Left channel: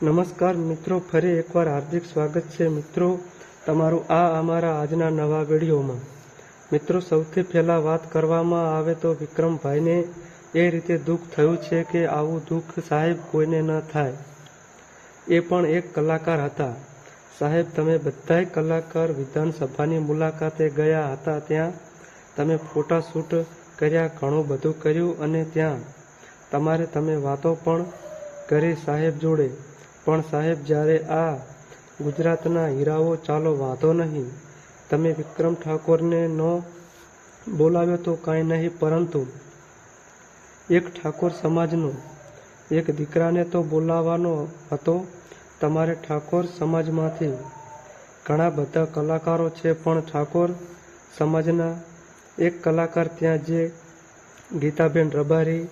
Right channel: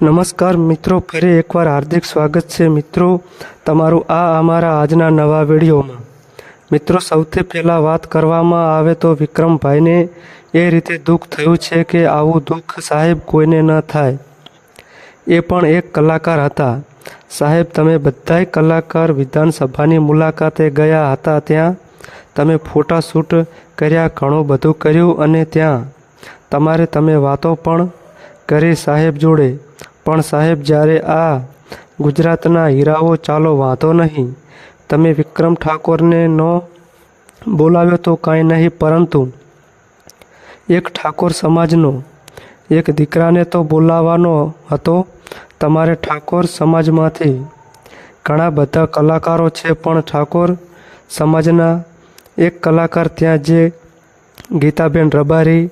નમસ્કાર મિત્રો, ફરી એકવાર હાર્દિક સ્વાગત છે મિત્રો તમારું આ અમારા આજના નવા વિડીયોમાં. મિત્રો, સૌથી પહેલાં વાત કરવામાં આવે તો વિક્રમભાઈને એ રીતે દુઃખ થયું છે કે આવું દુઃખ સાહેબ કોઈને ન થાય. એ પણ એક કલાકાર હતા. સાહેબ, તમે બધાય કલાકાર વિધાનસભાની મુલાકાતે ગયા હતા ત્યાં. તમે ફોટા શૂટ કર્યા, ઘણું બધું કર્યું અને ત્યાં. તમારે તમે વાતો પણ કરી સાહેબ જોડે. પણ સાહેબ, જ્યારે આ ગુજરાતના હીરાઓ ચાલો વાંધો નહીં. તમે વિક્રમ ઠાકોરને ન બોલાવ્યો તો કાંઈ નહીં, પરંતુ એક ઠાકોર સમાજનો, એક દીકરાને તો બોલાવવાનો હતો. તમારે ઠાકોર સમાજમાંથી ઘણા બધા કલાકારો છે, પણ ઠાકોર સમાજના એક કલાકાર ત્યાં જે ગીતાબેન રબારી,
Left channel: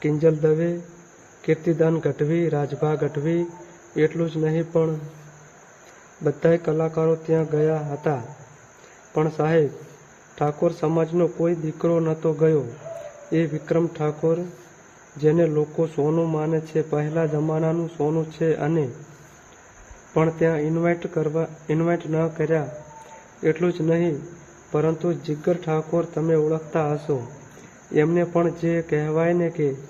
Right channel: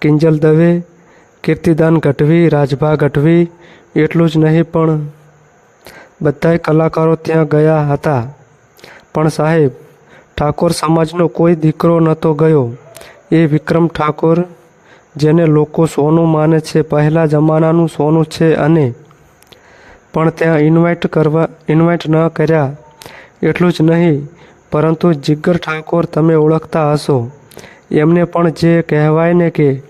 કિંજલ દવે, કીર્તિદાન ગઢવી, રાજભા ગઢવી એટલું જ નહીં, પણ બધાય કલાકારો ત્યાં ગયા હતા. પણ સાહેબ, ઠાકોર સમાજનો કોઈ દીકરો નહોતો ગયો. એ વિક્રમ ઠાકોર, જેને લોકો સોનું માને છે, પહેલાં જમાનાનું સોનું છે અને પણ ત્યાં ઇન્વાઇટ કરવા ઇન્વાઇટ ન કર્યા. એટલું જ નહીં, પરંતુ જિગર ઠાકોર તમે ઓળખતા હશો. એમને પણ જે કહેવાય ને કે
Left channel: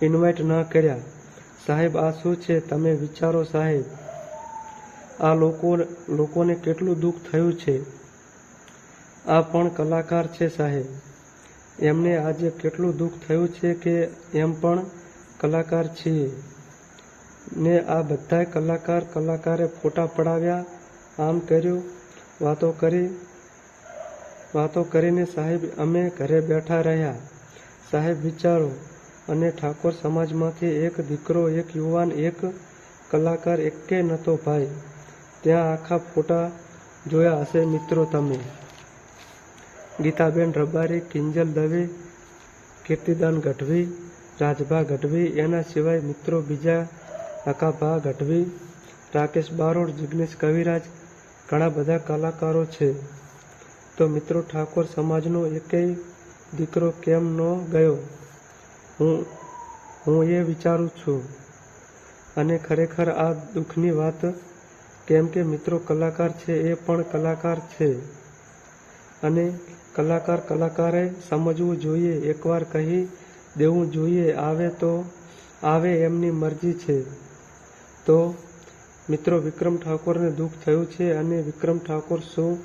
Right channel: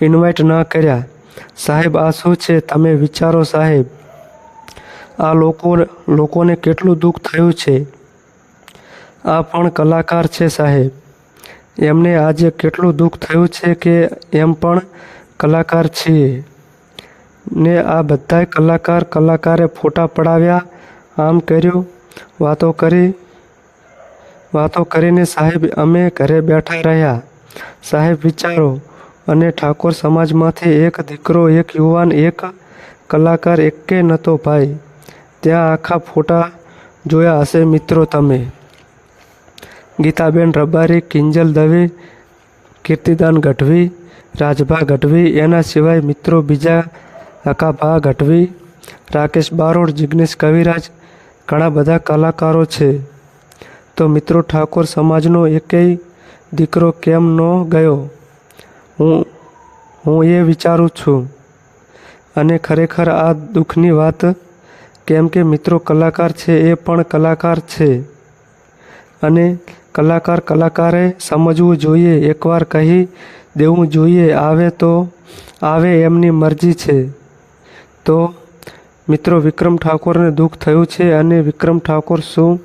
ઇન્વાઇટ ન કર્યા. સાહેબ, આ શું છે? તમે વિચારો સાહેબ. આ લોકો, લોકોને કેટલું દુઃખ થયું છે? આ પણ કલાકાર છે સાહેબ. એમને આજે કેટલું દુઃખ થયું છે કે એમ પણ કલાકાર છીએ. ને આ બધાય કલાકાર કલાકારે ફોટા પડાવ્યા, આમ કર્યું, વાતો કરી. વાતો કરીને સાહેબ અમે ઘરે બેઠા રહ્યા. સાહેબ, વિચારો અને ઠાકોર સમાજમાંથી એક દીકરો, એક યુવાન, એક કલાકાર એકે નહોતો ભાઈ. ત્યાં આખા ફોટા જોયા હશે મિત્રો તમે. ગીતાબેન રબારી, કિંજલ દવે, કીર્તિદાન ગઢવી, રાજભા ગઢવી, એના સિવાય મિત્રો બીજા અકાભા ગઢવી, રાકેશ બારોડ, જિગ્નેશ કવિરાજ, ઘણા બધા કલાકારો છે. તો મિત્રો ઠાકોર સમાજનો એકેય દીકરો કેમ ન ગયો? હું હું એ વિચારું છું. અને ખરેખર આ દુઃખની વાત, કેમ કે મિત્રો કલાકાર છે એ પણ કલાકાર છે. અને કલાકાર કલાકારે સમજવું જોઈએ, એકવાર કહી દેવું જોઈએ, આવે તો આવે એમની મરજી છે. તો મિત્રો વિક્રમ ઠાકોરને દુઃખ થયું છે અને વિક્રમ ઠાકોર શું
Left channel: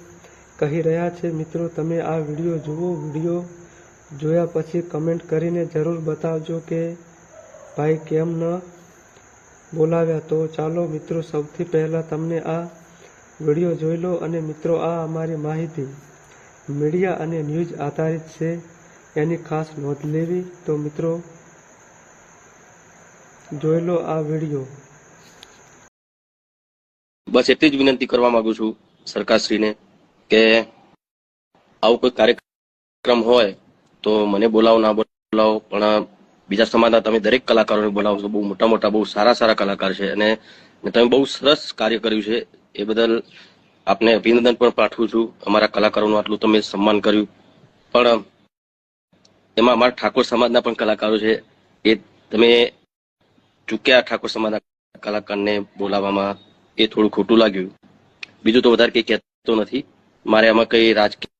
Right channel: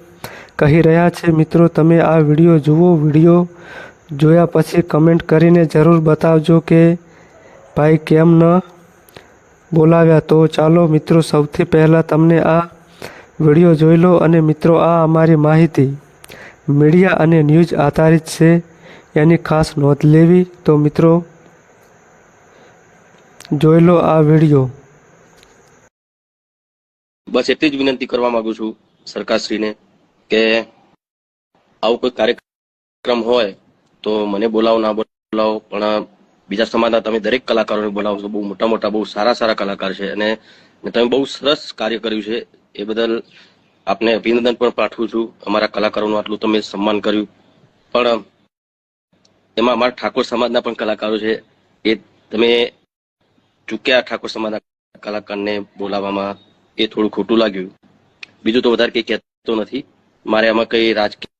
કહી રહ્યા છે? મિત્રો, તમે આ વીડિયો જુઓ, વીડિયો જોયા પછી કમેન્ટ કરીને જરૂર બતાવજો કે ભાઈ કેમ ન બોલાવ્યા. તો ચાલો મિત્રો, સૌથી પહેલાં તમને આ વીડિયો જોઈ લો અને મિત્રો, આ અમારી માહિતી મીડિયા અને ન્યૂઝ આધારિત છે, એની ખાસ નોંધ લેવી. તો મિત્રો, જોઈ લો આ વીડિયો. બસ એટલી જ વિનંતી કરવા માંગુ છું સરકારશ્રીને કે આવું કોઈ કાર્યક્રમ હોય તો મને બોલાવો, ના બોલાવો, પણ બીજા સમાજના તમે દરેક કલાકારોને બોલાવો છો. બહુ મોટા મોટા, બહુ સારા સારા કલાકાર છે. અને તમે બહુ સરસ કાર્ય કર્યું છે. એ બદલ આપને અભિનંદન પણ પાઠવું છું. અમારા કલાકારોનું આટલું તમે સન્માન કર્યું. પણ એમાં અમારા ઠાકોર સમાજના પણ કલાકારો છે. એ તમે ચૂક્યા ઠાકોર સમાજના કલાકારને બોલાવવામાં એ થોડું ખોટું લાગ્યું. બીજું તો વધારે કઈ કહેતો નથી. મારે આમાં કઈ રાજકીય